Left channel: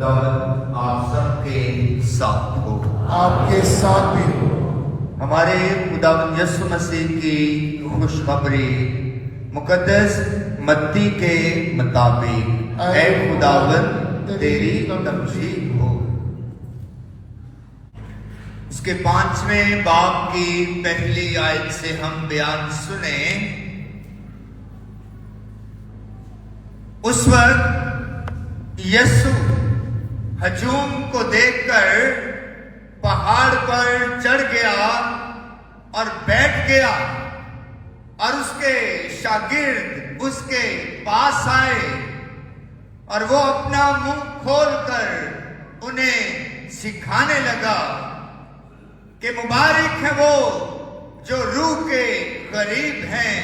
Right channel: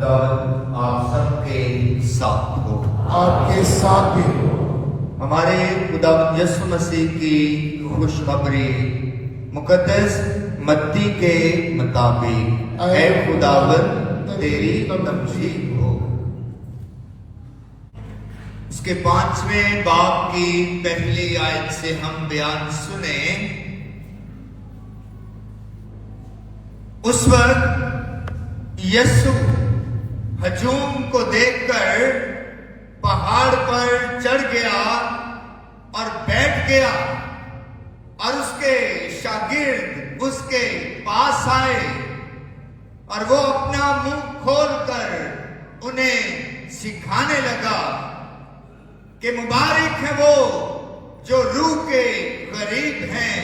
خداوند آپ سب کے ساتھ ہو، آپ کے ساتھ بھی ہو۔ ہمارے خداوند یسوع مسیح کی خوشخبری مقدس متی کے مطابق اے خداوند تیری تمجید ہو۔ اس کے 5ویں باب کی پہلی آیت سے ہم بیان سنیں۔ اس وقت یسوع ہجوم کو دیکھ کر پہاڑ پر چڑھ گیا اور بیٹھ گیا، اور اس کے شاگرد اس کے پاس آئے اور وہ اپنا منہ کھول کر انہیں سکھانے لگا کہ مبارک ہے وہ جو روح کے قریب ہیں،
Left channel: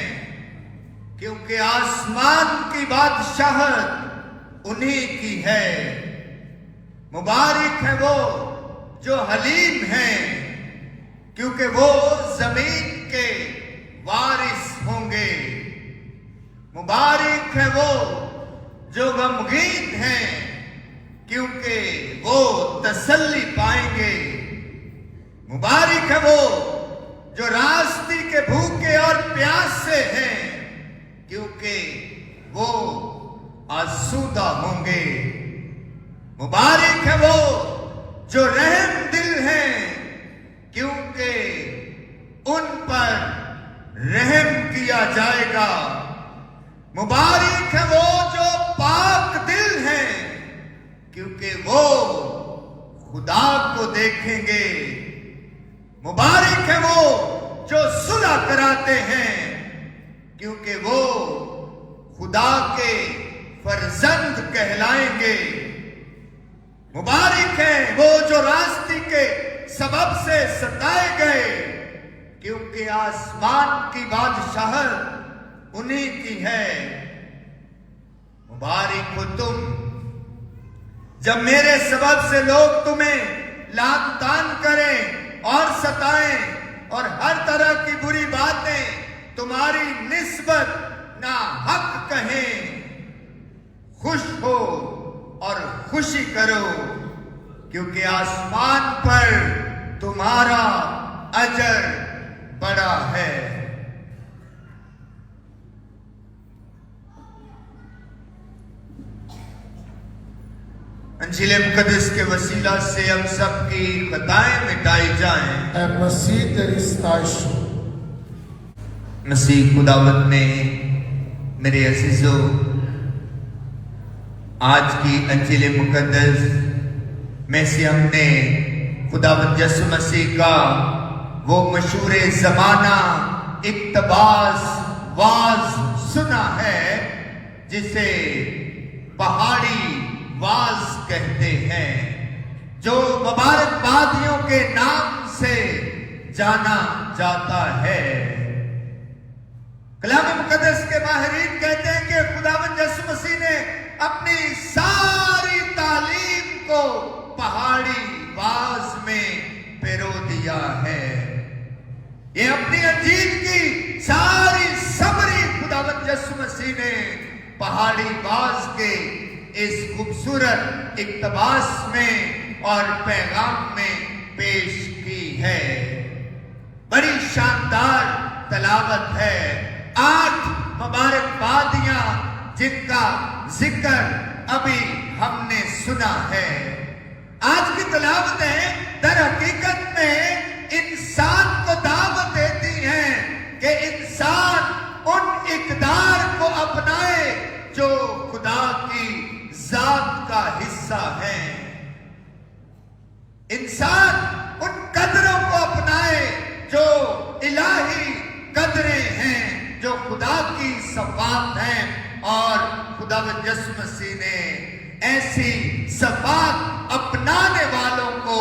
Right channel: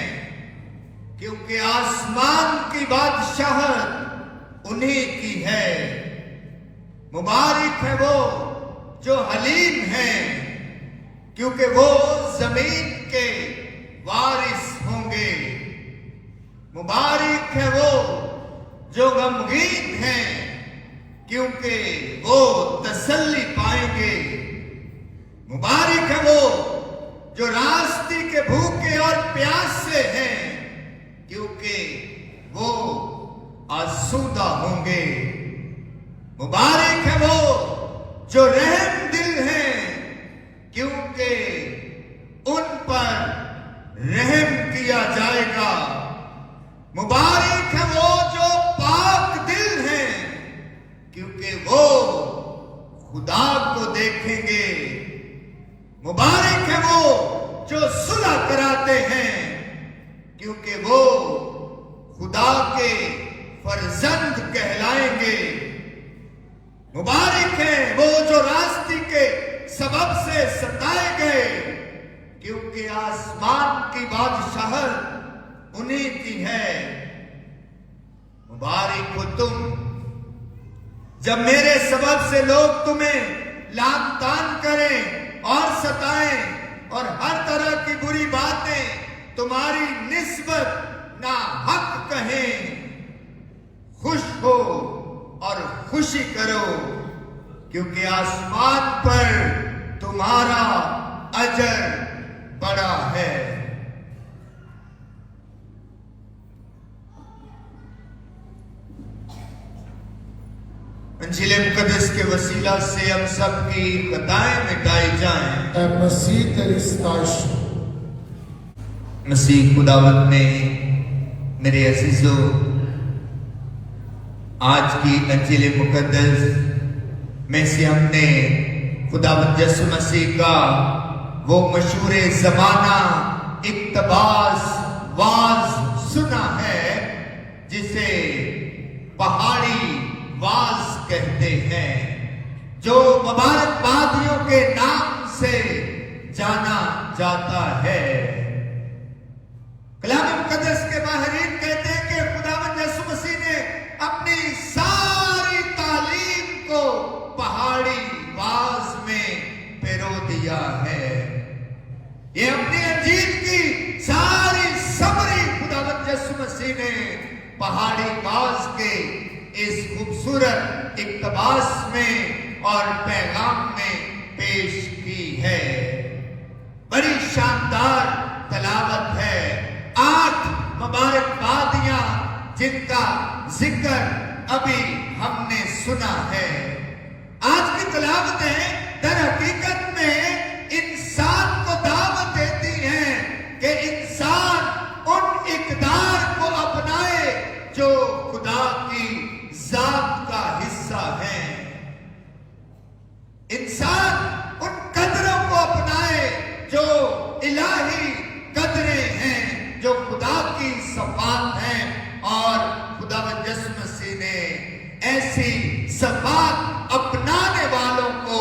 کیونکہ آسمان کی بادشاہت انہی کی ہے۔ مبارک ہے وہ جو حلیم ہیں، کیونکہ وہ زمین کے وارث ہوں گے۔ مبارک ہے وہ جو غمگین ہیں، کیونکہ وہ تسلی پائیں گے۔ مبارک ہے وہ جو راستے کے بھوکے اور پیاسے ہیں، کیونکہ وہ آسودہ ہوں گے۔ مبارک ہے وہ جو رحم دل ہیں، کیونکہ ان پر رحم کیا جائے گا۔ مبارک ہے وہ جو پاک دل ہیں، کیونکہ وہ خدا کو دیکھیں گے۔ مبارک ہے وہ جو صلح کراتے ہیں، کیونکہ وہ خدا کے فرزند کہلائیں گے۔ مبارک ہے وہ جو راستے کے سبب سے ستائے گئے، کیونکہ آسمان کی بادشاہت انہی کی ہے۔ مبارک ہو تم جب میرے سبب سے لوگ تمہیں لعن طعن کریں اور ستائیں اور ہر طرح کی بری باتیں تمہاری نسبت ناحق کہیں۔ خوش ہو اور خوشی کرو، کیونکہ آسمان پر تمہارا اجر بڑا ہے۔ انجیل مقدس کے وسیلہ سے ہم سب کی خطائیں مٹائی جائیں۔ اے مسیح تیری ستائش ہو۔ مسیح خداوند نے میرے عزیزو آج کی انجیل مقدس میں سے ہم نے خداوند یسوع مسیح کا وہ مشہور زمانہ اقتباس واز سنا ہے، جسے پہاڑی واز کہتے ہیں، جو مبارک بادیوں کے نام سے جانا جاتا ہے۔ کلام مقدس کے ماہرین کہتے ہیں کہ خداوند یسوع مسیح نے اپنی ساری تعلیم کو پہاڑی واز میں پیرو دیا ہے۔ یہ اپنی انجیل کی ساری سمری خداوند یسوع مسیح نے پہاڑی واز کے اس خوبصورت اقتباس میں اور پیغام میں پیش کی ہے۔ بڑی شاندار تلاوت ہے۔ 8 مبارک بادیاں جن کا ذکر ابھی ہم نے سنا ہے۔ آج کی تلاوتیں در حقیقت میں انسان کو دعوت دیتی ہیں کہ انسان ان اقدار کو اپنائے جو خدا کی ذات کا حصہ ہیں۔ انسان ان قدروں کو اپنائے جو الہی قدریں ہیں، جو خدا کی صفات ہیں، اور خداوند یسوع مسیح نے ایسی صفات اپنانے والوں کو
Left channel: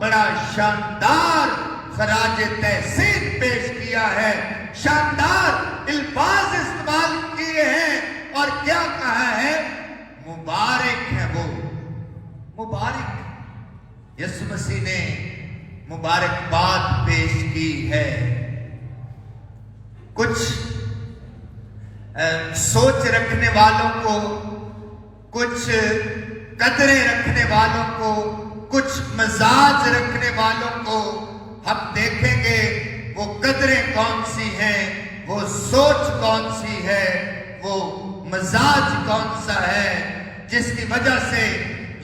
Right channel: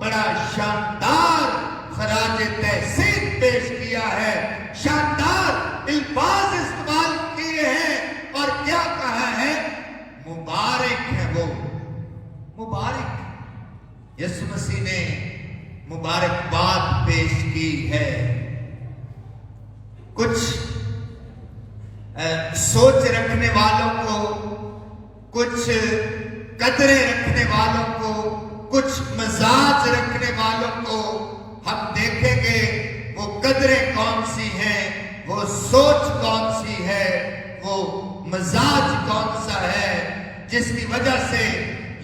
بڑا شاندار خراج تحسین پیش کیا ہے، شاندار الفاظ استعمال کیے ہیں، اور کیا کہا ہے؟ مبارک ہے وہ۔ مبارک یسوع مسیح نے مبارکباد پیش کی ہے۔ کچھ سوچ رکھنے والوں کو، کچھ قدریں رکھنے والوں کو، کچھ مزاج رکھنے والوں کو ہم دیکھیں گے وہ قدریں کون سی ہیں، وہ سوچ کون سی ہے، وہ مزاج کون سا ہے، جس کی وجہ سے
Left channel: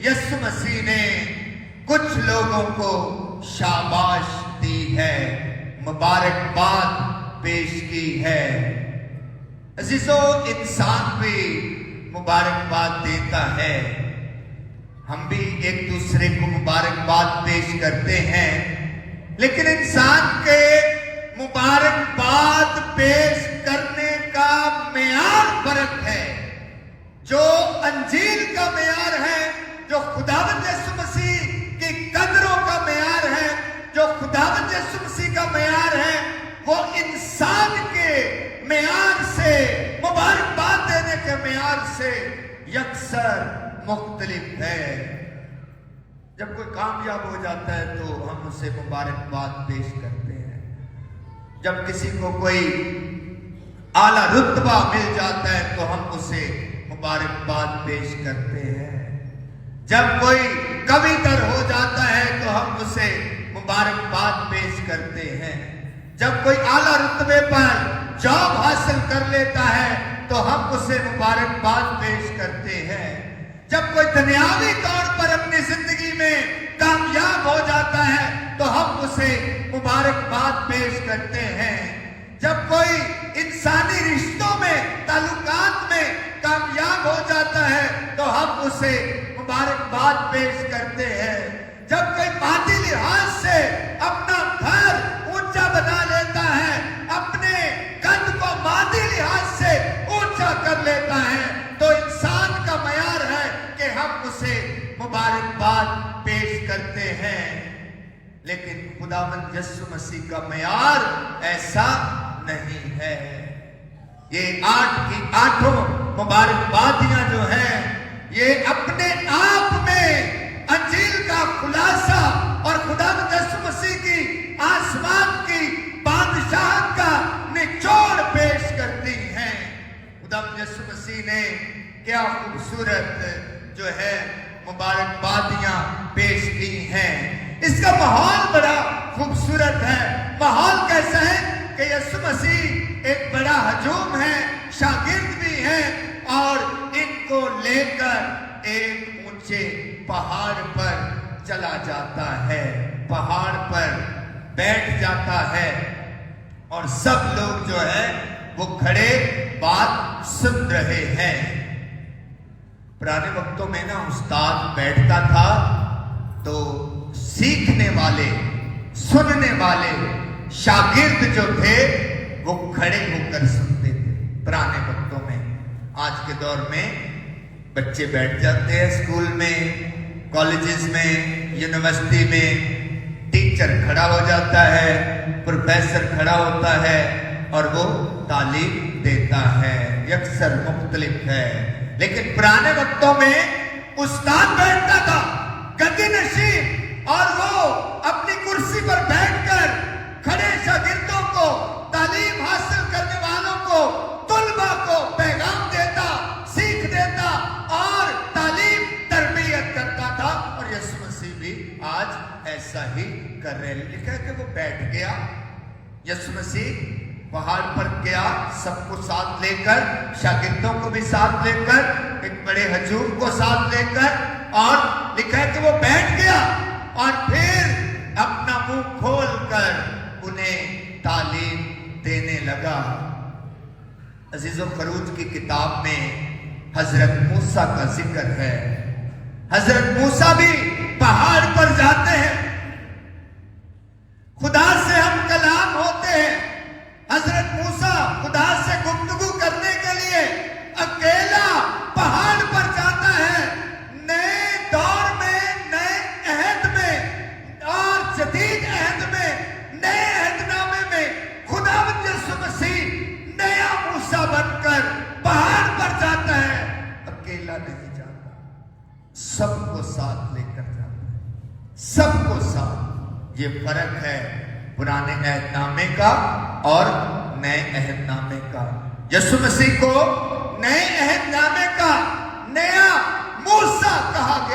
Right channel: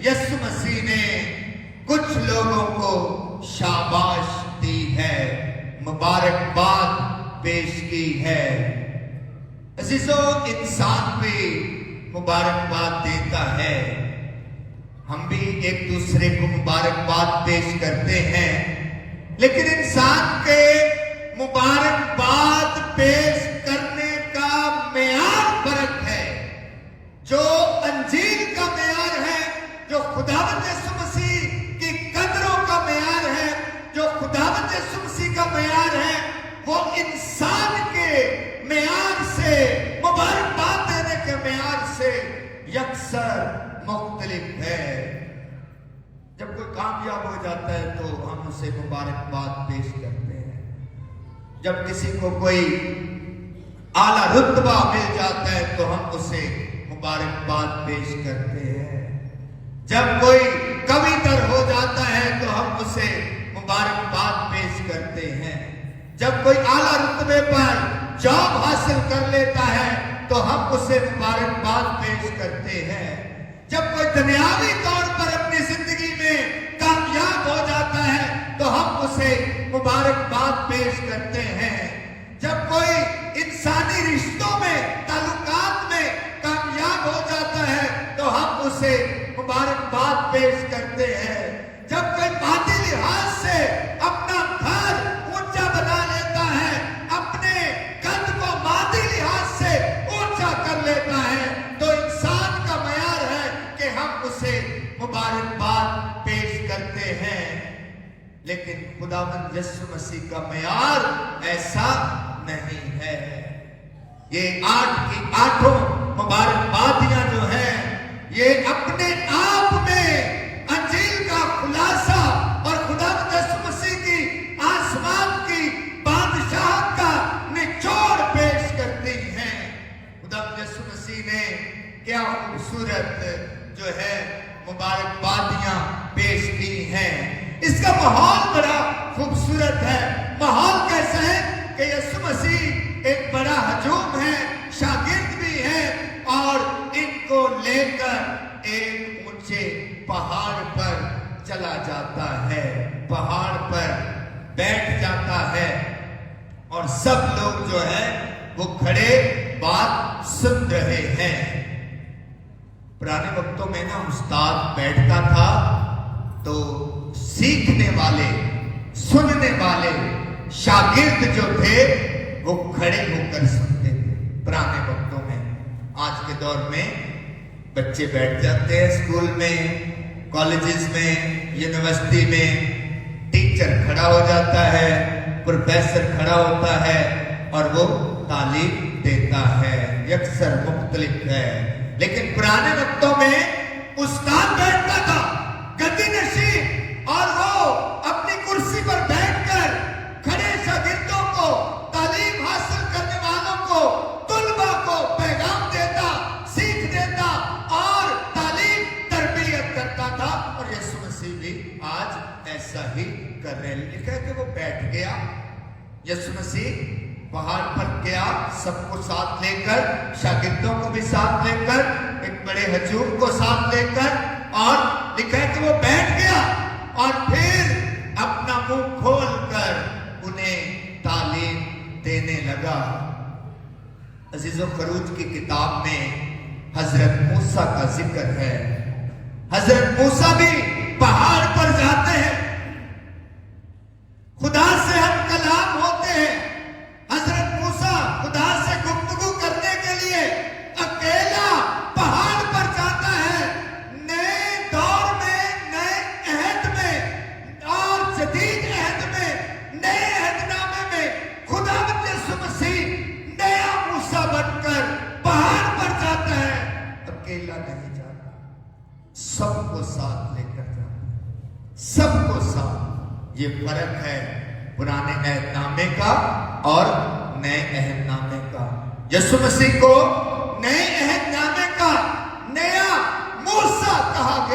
یسوع مسیح نے کچھ لوگوں کو شاباش دی ہے، مبارکباد پیش کی ہے۔ عزیزو، انسان بھی مبارکباد دیتا ہے، ہم بھی ایک دوسرے کو مبارکباد پیش کرتے ہیں، لیکن انسان کے مبارکباد پیش کرنے کا معیار فرق ہے۔ جو انجیل کا معیار ہے، جو خداوند یسوع مسیح کی قدروں کا معیار ہے، جو خداوند یسوع مسیح کا معیار ہے، وہ انسان کے معیار سے، مبارکباد دینے کے معیار سے یکسر مختلف ہے۔ جب کوئی کامیاب ہو جاتا ہے تو ہم اسے مبارکباد پیش کرتے ہیں، جب کسی کو کوئی اعلیٰ رتبہ مل جاتا ہے تو ہم اسے مبارکباد پیش کرتے ہیں، جب کوئی قوی تر ہو جاتا ہے تو ہم اسے مبارکباد پیش کرتے ہیں، جب کوئی اعلیٰ رتبے پر جاب حاصل کر لیتا ہے تو ہم اسے مبارکباد پیش کرتے ہیں، جب کوئی دنیاوی طور پر اپنی زندگی میں کامیاب ہو جاتا ہے تو ہم اسے مبارکباد پیش کرتے ہیں، جب کوئی انسانی رشتوں میں، تعلقات میں کامیاب ہو جاتا ہے تو ہم اسے مبارکباد پیش کرتے ہیں، جب کوئی مادی لحاظ سے اپنا گھر اونچا بنا لیتا ہے، اپنے قد کو مادی لحاظ سے اونچا کر لیتا ہے، تو انسان کا معیار ہے کہ ہم اسے مبارکباد پیش کرتے ہیں، لیکن خداوند یسوع مسیح کا معیار ایسا نہیں ہے۔ یہ 8 کی 8 مبارکبادیاں جو ہیں، یہ اپنے آپ میں انجیل کا خلاصہ اور خداوند یسوع مسیح کی آسمان کی بادشاہت کا نچوڑ پیش کرتی ہیں۔ خداوند یسوع مسیح نے کیا خوبصورت جو ہے مبارکبادیاں پیش کی ہیں۔ اس کا ماحول بڑا خوبصورت ہے۔ ماحول کیسا ہے کہ یسوع مسیح ایک بڑا ہجوم ہے، شاگرد بھی ہے، اور ان کو لے کر ایک اونچے پہاڑ پر چلا جاتا ہے، پہاڑ پر بیٹھ جاتا ہے، اور سب لوگ جو ہے وہ کھڑے بات سن رہے ہیں۔ پرانے وقتوں میں نا استاد بیٹھتا تھا تو سیکھنے والے، سننے والے شاگرد جو تھے وہ کھڑے ہو کر سنتے تھے پرانے وقتوں میں۔ آج کے دور میں بچے بیٹھ جاتے ہیں اسکول میں، کالجز میں، یونیورسٹی میں، ٹیچر کھڑا ہو جاتا ہے، پروفیسر کھڑا ہوتا ہے اور وہ تعلیم دیتا ہے، یکسر مختلف ہے۔ لیکن پرانے وقتوں میں استاد بیٹھتا تھا گدی نشین، اور وہ اپنی کرسی پر بیٹھ کر کھڑے شاگردوں کو، تعلیم حاصل کرنے والوں کو، طلباء کو پیغام دیتا، سیکھ دیتا اور تعلیم تربیت کرتا تھا۔ اور یسوع مسیح بھی آج ایسا ہی کر رہے ہیں۔ لکھا ہے کہ وہ بیٹھ گیا، یسوع مسیح پہاڑ پر گیا، سب کو ساتھ لے کر، شاگردوں کو بھی ساتھ لے کر، ایک بڑے ہجوم کو ساتھ لے کر، اور لکھا ہے کہ وہ بیٹھ گیا اور پھر اپنا منہ کھول کر انہیں تعلیم دینے لگا۔ عزیز و خروج کی کتاب میں حضرت موسیٰ کا ذکر ہے۔ حضرت موسیٰ بھی پہاڑ پر جاتے ہیں، خدا سے ہم کلام ہوتے ہیں۔ حضرت موسیٰ خدا سے گفتگو کرنے کے لیے اکیلا پہاڑ پر جاتا ہے۔ نئے دور میں، نئے عہد میں اور جدید عہد میں، نئے عہد نامے میں خداوند یسوع مسیح نیا موسیٰ بن کر پہاڑ پر جاتا ہے، اکیلا نہیں جاتا، سب کو ساتھ لے کر جاتا ہے، سب کو ساتھ۔ یہ فرق ہے پرانے عہد نامے کا اور نئے عہد نامے کا۔ یسوع مسیح کو نئے عہد نامے کا نیا موسیٰ کہا گیا۔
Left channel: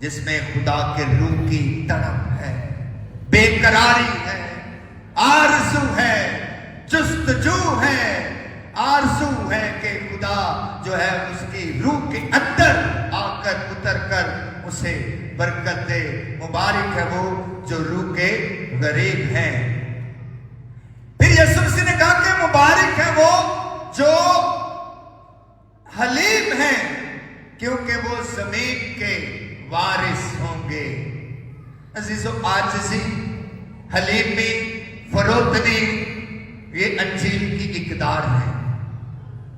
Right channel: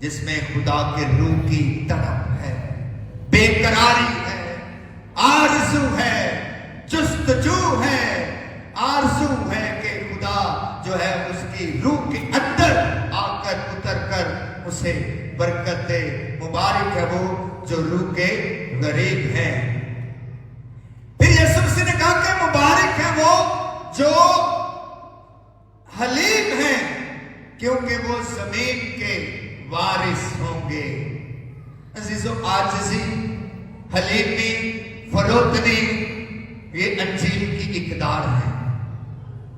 جس میں خدا کے روح کی تڑپ ہے، بے قراری ہے، آرزو ہے، جستجو ہے، آرزو ہے کہ خدا جو ہے اس کی روح کے اندر آ کر اتر کر اسے برکت دے۔ مبارک ہے وہ جو روح کے غریب ہیں۔ پھر یسوع مسیح نے کہا کہ مبارک ہے وہ جو حلیم ہیں، کیونکہ وہ زمین کے وارث ہوں گے۔ عزیزو، عاجزی، حلیمی، فروتنی، یہ انجیل کی اقدار ہے،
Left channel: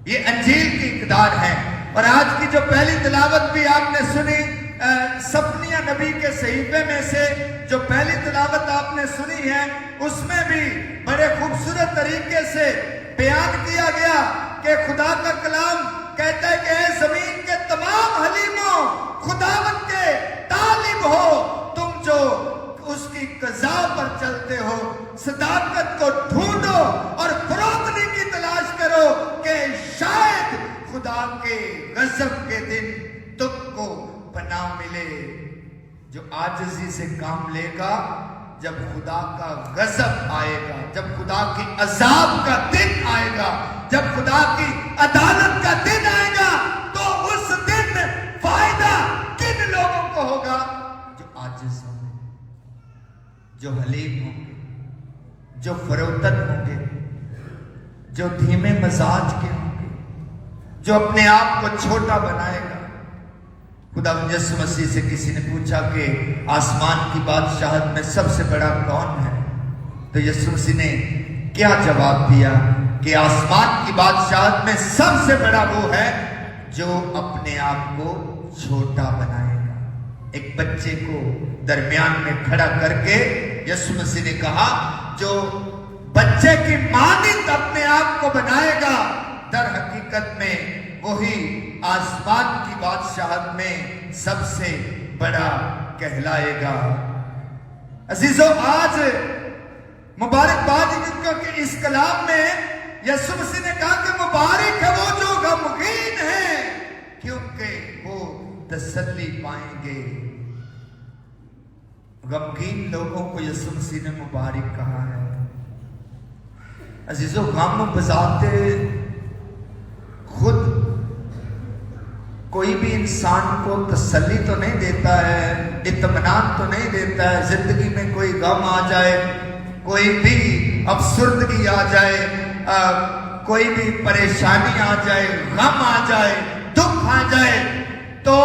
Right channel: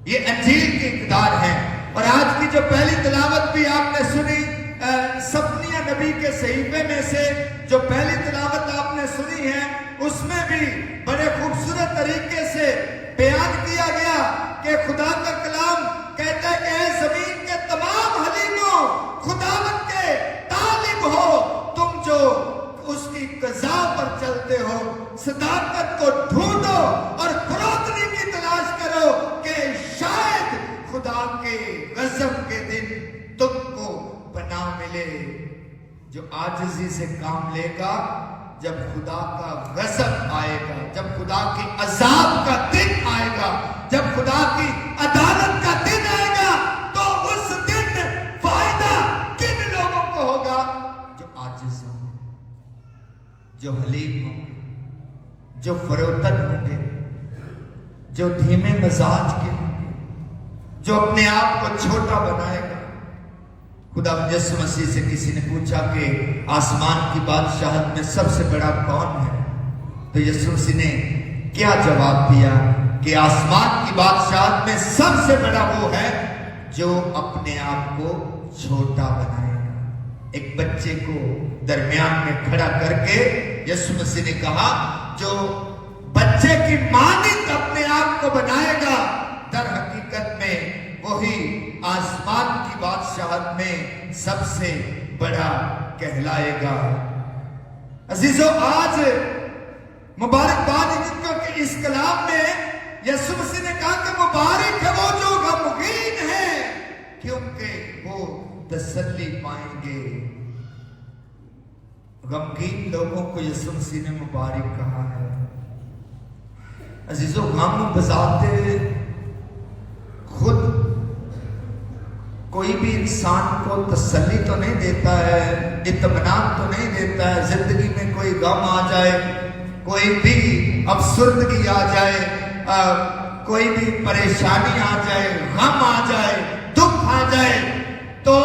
یہ انجیل کی اقدار ہے۔ اور آج کی جو پہلی تلاوت بھی آپ نے سنی، صفنیہ نبی کے صحیفے میں سے جو پہلی تلاوت آپ نے سنی ہے، اس میں بھی بڑے خوبصورت طریقے سے بیان کیا گیا کہ خدا کا کلام کہتا ہے کہ اے زمین کے تمام حلیموں، خداوند کے طالب ہو، تم جو اس کی قضاء پر چلتے ہو، صداقت کو ڈھونڈو اور فروتنی کی تلاش کرو کہ شاید خدا کے غضب کے دن تم کو پناہ ملے۔ جو عاجزی سے کام لے گا، جب خدا کا غضب آئے گا، جب خدا کی عذاب کا دن آئے گا، جب خدا کی عدالت کا دن آئے گا، تو اس دن فائدہ کن لوگوں کو ہوگا؟ جو عاجز ہوں گے، جو حلیم ہوں گے، جو فروتن ہوں گے، جو دھیمے مزاج کے ہوں گے، جو اپنے آپ کو چھوٹا بنائے گا۔ خدا یسوع مسیح سے کسی نے پوچھا کہ آسمان کی بادشاہت میں سب سے بڑا کون ہے؟ تو یسوع مسیح نے کیا جواب دیا کہ آسمان کی بادشاہت میں سب سے بڑا وہ ہے جو اپنے آپ کو چھوٹا بنائے گا۔ ایک بچے کو درمیان میں کھڑا کر کے یسوع مسیح نے کہا جو بچے کی مانند اپنے آپ کو بنائے گا، در حقیقت میں وہی آسمان کی بادشاہت میں سب سے بڑا کہلائے گا۔ عزیزو، آج مبارکباد کیونکہ اس کلام میں یسوع مسیح نے کہا کہ مبارک ہے وہ جو غمگین ہیں، کیونکہ وہ تسلی پائیں گے۔ غمگین لوگوں کو یسوع مسیح نے مبارک کہا ہے۔ عزیزو، غم بذات خود کوئی بھی انسان کو تسلی تو نہیں دیتا ہے، اطمینان تو نہیں دیتا ہے۔ زندگی میں کوئی غم آ جائے، کوئی بھی افسردگی آ جائے، کوئی بھی پریشانی آ جائے، غم آ جائے، دکھ آ جائے، تو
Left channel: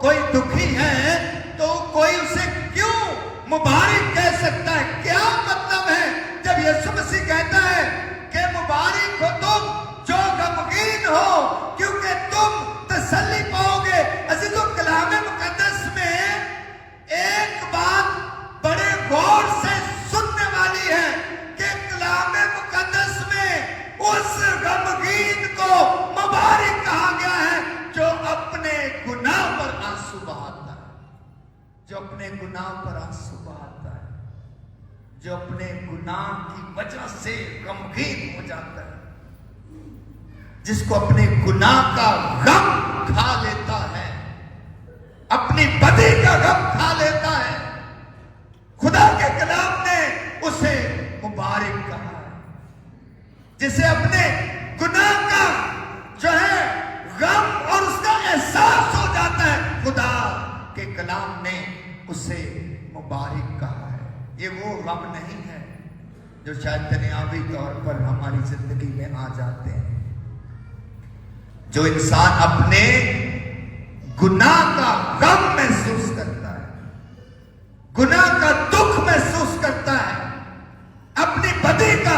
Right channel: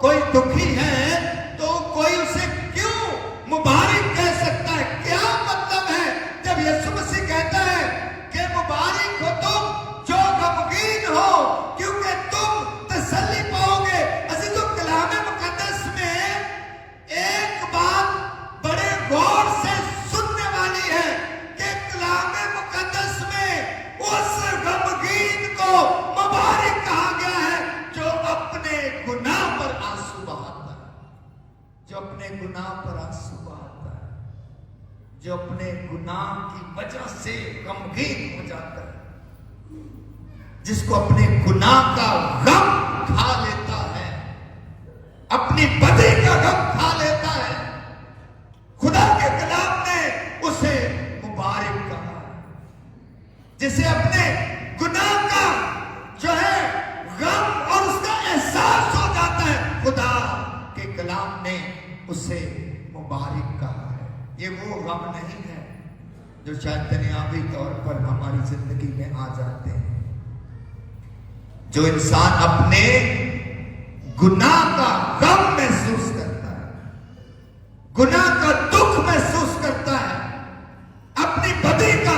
کوئی دکھی ہے تو کوئی اسے کیوں مبارک کہہ سکتا ہے؟ کیا مطلب ہے جب یسوع مسیح کہتا ہے کہ مبارک ہو تم جو غمگین ہو، کیونکہ تم تسلی پاؤ گے۔ عزیزو، کلام مقدس میں ایک بات بڑے غور سے سننے والی ہے کہ کلام مقدس میں اس غمگین کو مبارک کہا گیا ہے جو اپنے گناہ پر آنسو بہاتا ہے، جو اپنے گناہ پر آنسو بہاتا ہے، جو اپنے گناہ کی وجہ سے غمگین ہو جاتا ہے، جس کو اپنے گناہ کا غم کھا لیتا ہے، اپنی بدی کا غم کھا لیتا ہے۔ خدا کے کلام نے اسے مبارک کہا ہے، جسے اپنے گناہ کا جو ہے غم اور اس کا احساس ہو جاتا ہے، خدا کے کلام نے اسے مبارک کہا ہے۔ یہ وہ غم نہیں ہے جو شاید دنیاوی طور پر ہماری زندگی میں آ جاتے ہیں۔ جو انسان اپنے گناہ کا غم محسوس کرتا ہے، گناہ کا دکھ محسوس کرتا ہے، اپنی بدی کا،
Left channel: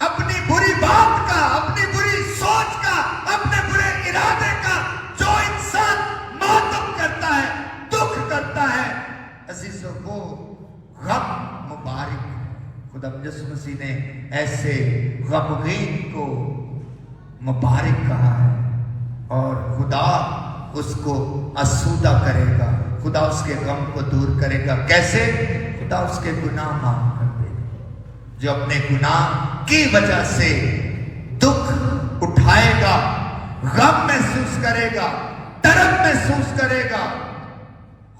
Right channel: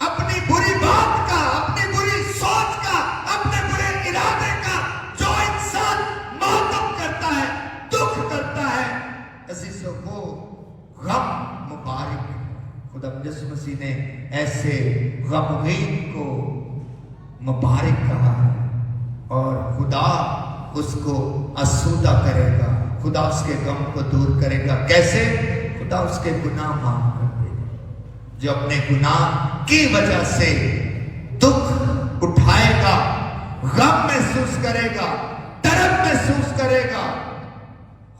اپنی بری بات کا، اپنی بری سوچ کا، اپنے برے ارادے کا جو انسان ماتم کرتا ہے، دکھ کرتا ہے، عزیزو، وہ غم مبارک ہے۔ خدا یسوع مسیح نے ایسے غمگین کو مبارک کہا ہے، اور خدا اس کو آسودہ کرے گا، خدا اس کے غم کو دور کرے گا۔ کیسے؟ خدا اس کے گناہ معاف کر دے گا۔ جو اپنے گناہ کی وجہ سے دکھ اٹھائے گا، غم محسوس کرے گا، طرف محسوس کرے گا،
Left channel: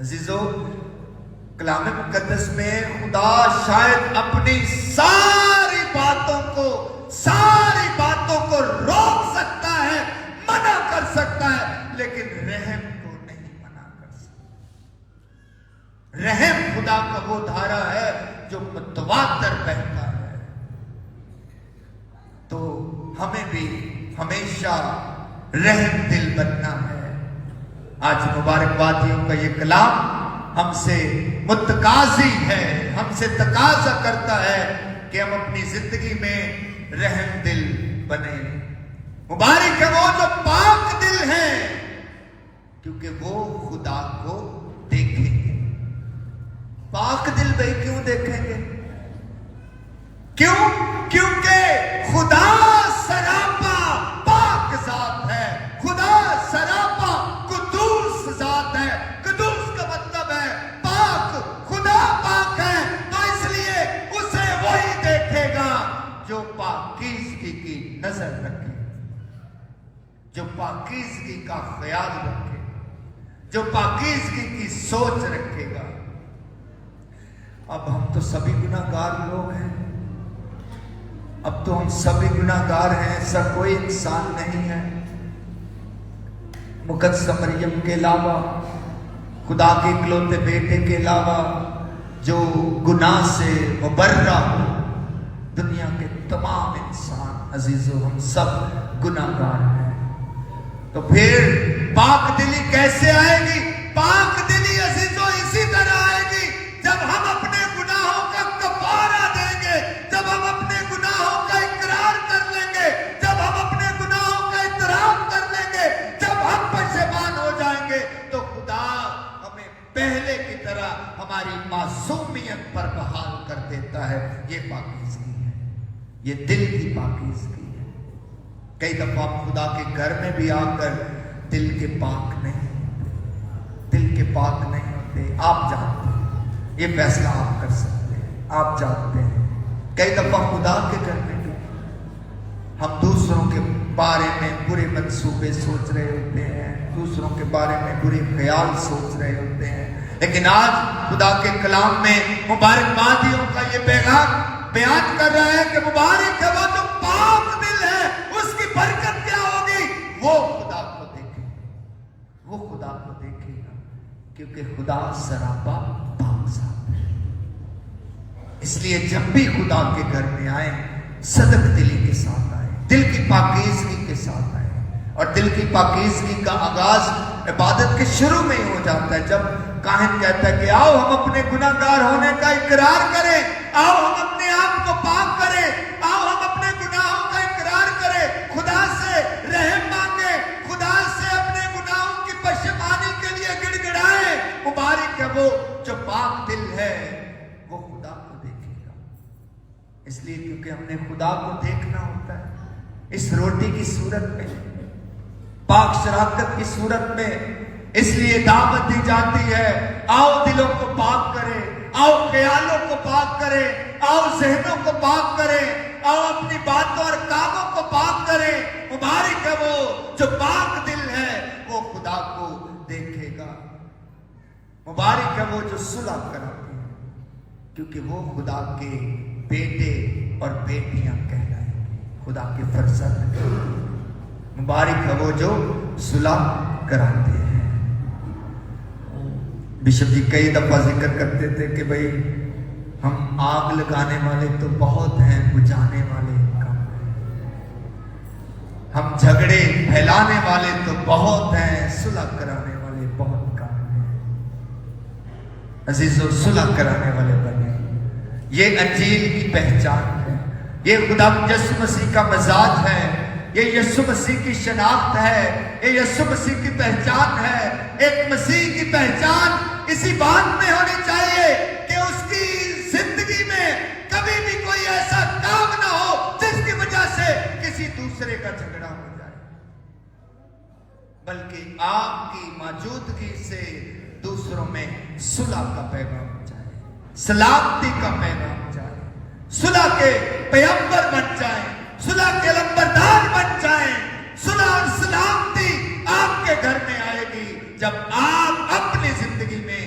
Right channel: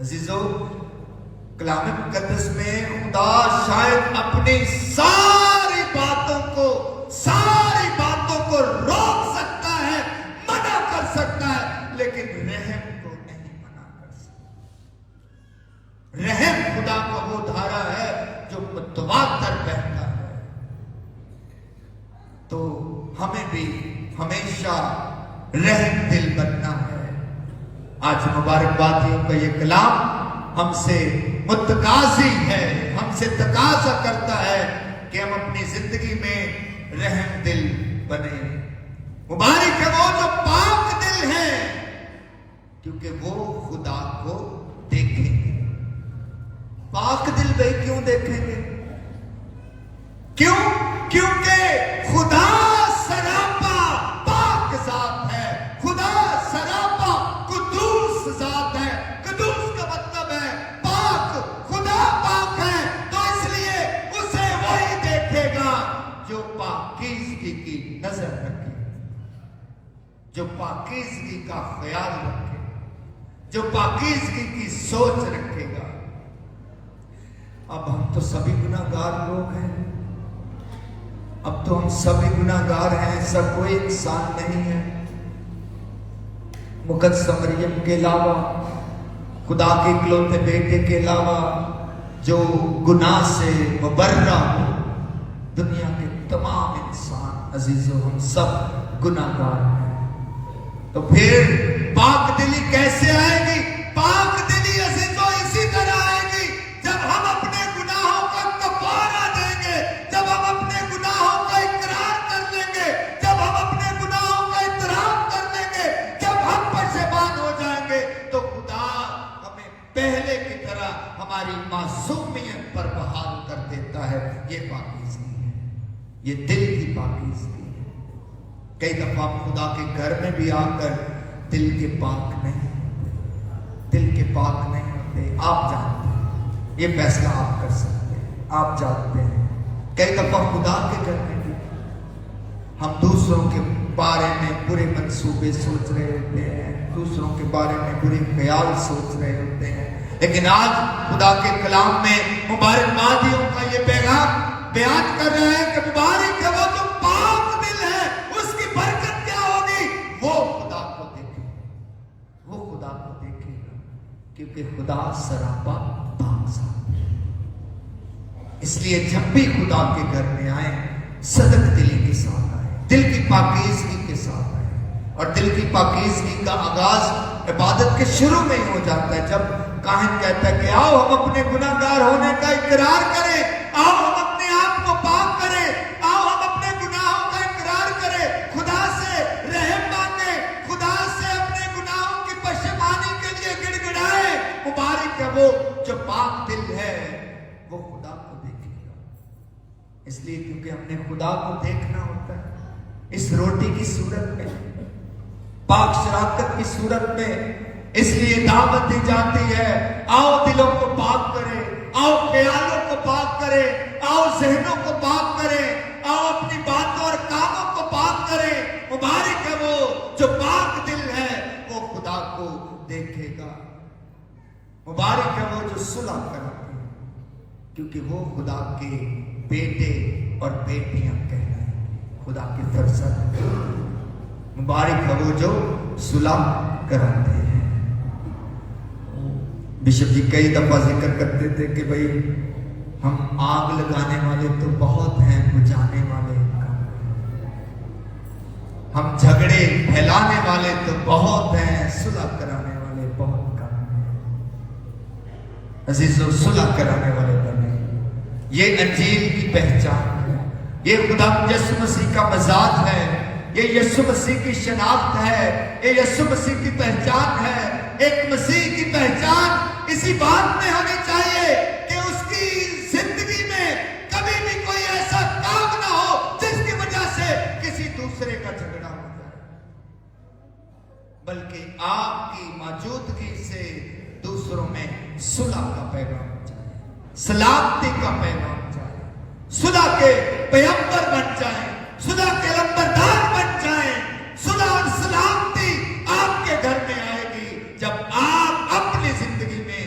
عزیزو، کلام مقدس میں خدا شاید اپنی ساری باتوں کو روک سکتا ہے، منع کر سکتا ہے، لیکن رحم کو نہیں منع کر سکتا۔ رحم خدا کا وہ دھارا ہے جو متواتر بہتا ہے۔ تو ہمیں بھی ہمیشہ رحم دل بننا ہے۔ آج مبارکبادیوں کا یہ کلام ہم سے متقاضی ہے، ہم سے تقاضا کرتا ہے کہ ہم اپنی زندگی میں رحم دل بنے۔ مبارک ہے وہ جو پاک دل ہے، کیونکہ وہ خدا کو دیکھیں گے۔ پاک دل بھائی کیوں دیکھیں گے؟ کیوں؟ کیونکہ خدا سراپا پاک ذات ہے، خدا سراپا قدوس ذات ہے۔ قدوس کا مطلب ہے پاک، خدا پاک ہے، تو اس لیے اسے وہی دیکھے گا جو پاکیزگی کی نظر رکھے، جو پاکیزگی کا خیال رکھے، جو پاکیزگی کی سوچ رکھے گا۔ اب ہم تو سبھی گناہگار لوگ ہیں، اب تو ہم سبھی گناہگار ہیں، ایسا کوئی انسان نہیں ہے مقدسہ مریم کے علاوہ، خدا کے اکلوتے بیٹے کے علاوہ جو گناہ سے مبرہ ہو۔ دنیا کے تمام انسان عزیزو ہم سب گناہگار ہیں۔ تو پھر پاک دلی کیسے آئے گی؟ پاک دلی عزیزو اسی طرح آئے گی جب ہم اپنے گناہوں کا کفارہ دیں گے، جب ہم اپنے گناہوں کا اقرار کر لیں گے، جب ہم اپنے گناہوں کا اعتراف کر لیں گے، جب ہم پشیمان ہو جائیں گے، تو خدا ہمیں پہلے کی طرح ہماری معصومیت پر بحال کر دیتا ہے۔ یہ پاکیزگی ہے، یہ دل کی پاکیزگی ہے۔ کئی دفعہ ہم خدا کے گھر میں بھی آ کر دل کے پاک نہیں ہوتے، دل کے پاک نہیں ہوتے۔ آپ جانتے ہیں، یہ فیصلہ آپ کر سکتے ہیں، آپ جانتے ہیں۔ کئی دفعہ خدا کے گھر میں بھی ہم دوسروں کے بارے میں برے منصوبے سوچ رہے ہوتے ہیں، دوسروں کے بارے میں برے خیال سوچ رہے ہوتے ہیں، لیکن آج خدا کے کلام میں مبارکبادیوں کا یہ پیغام بیان کر رہا ہے کہ مبارک ہے وہ جو پاک دل ہے، اس کی برکت کیا ہوگی؟ وہ خدا کو دیکھے گا، وہ خدا کو دیکھے گا، کیونکہ خدا سراپا پاک ذات ہے۔ اس لیے جب بھی خدا کے گھر میں آئیں، صدق دلی کے ساتھ آئیں، دل کی پاکیزگی کے ساتھ آئیں۔ اور دل کی پاکیزگی کا آغاز عبادت کے شروع میں ہی ہو جاتا ہے، جب کاہن کہتا ہے کہ آؤ ہم اپنے گناہگار ہونے کا اقرار کریں، آؤ ہم اپنے آپ کو پاک کریں، آؤ ہم اپنے گناہوں کا اقرار کریں، خدا سے رحم مانگیں، خدا سے اپنے گناہوں کی پشیمانی کے لیے گڑ گڑائیں۔ مبارک ہے وہ جو پاک دل ہے، وہ خدا کو دیکھے گا۔ اس لیے کیونکہ ہم نے خدا کو دیکھنا ہوتا ہے، اس روٹی کی صورت میں، پاک شراکت کی صورت میں، اس لیے دعوت دی جاتی ہے، آؤ دلوں کو پاک کریں، آؤ خیالوں کو پاک کریں، آؤ ذہنوں کو پاک کریں، آؤ اپنی باتوں اور کاموں کو پاک کریں۔ مبارک ہے وہ جو پاک دل ہے، وہ خدا کو دیکھے گا۔ مبارک ہے وہ جو صلح کرتے ہیں، کیونکہ وہ خدا کے بیٹے اور بیٹیاں کہلائیں گے، خدا کے فرزند ہیں۔ مبارک ہے وہ جو صلح کراتے ہیں۔ بشپ جی کئی دفعہ ذکر کرتے تھے کہ بھئی ہم آگ لگانے والے تو بہت ہیں، بجھانے والے کم ہیں، ہم جھگڑے پھیلانے والے تو بہت ہیں، صلح کرانے والے بہت کم ہیں۔ عزیزو، صلح کرانے والے بنے، یہ انجیل کی پہچان ہے، یہ خدا یسوع مسیح کا مزاج ہے، یہ یسوع مسیح کی شناخت ہے، یہ یسوع مسیح کی پہچان ہے۔ ایک مسیح کی پہچان اسی بات میں ہونی چاہیے کہ اس کی زندگی میں کبھی بھی کوئی ایسا کام نہ ہو جس کی وجہ سے کسی دوسرے کا جھگڑا ہو جائے، بلکہ آپ کی موجودگی سے دوسروں میں صلح کا پیغام جائے، سلامتی کا پیغام جائے، صلح کے پیغمبر بن جائیں، صلح کے لمبردار بن جائیں۔ صلح اور سلامتی آپ کے گھر میں آئے گی جب آپ اپنی زندگی میں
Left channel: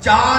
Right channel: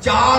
4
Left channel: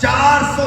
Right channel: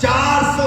400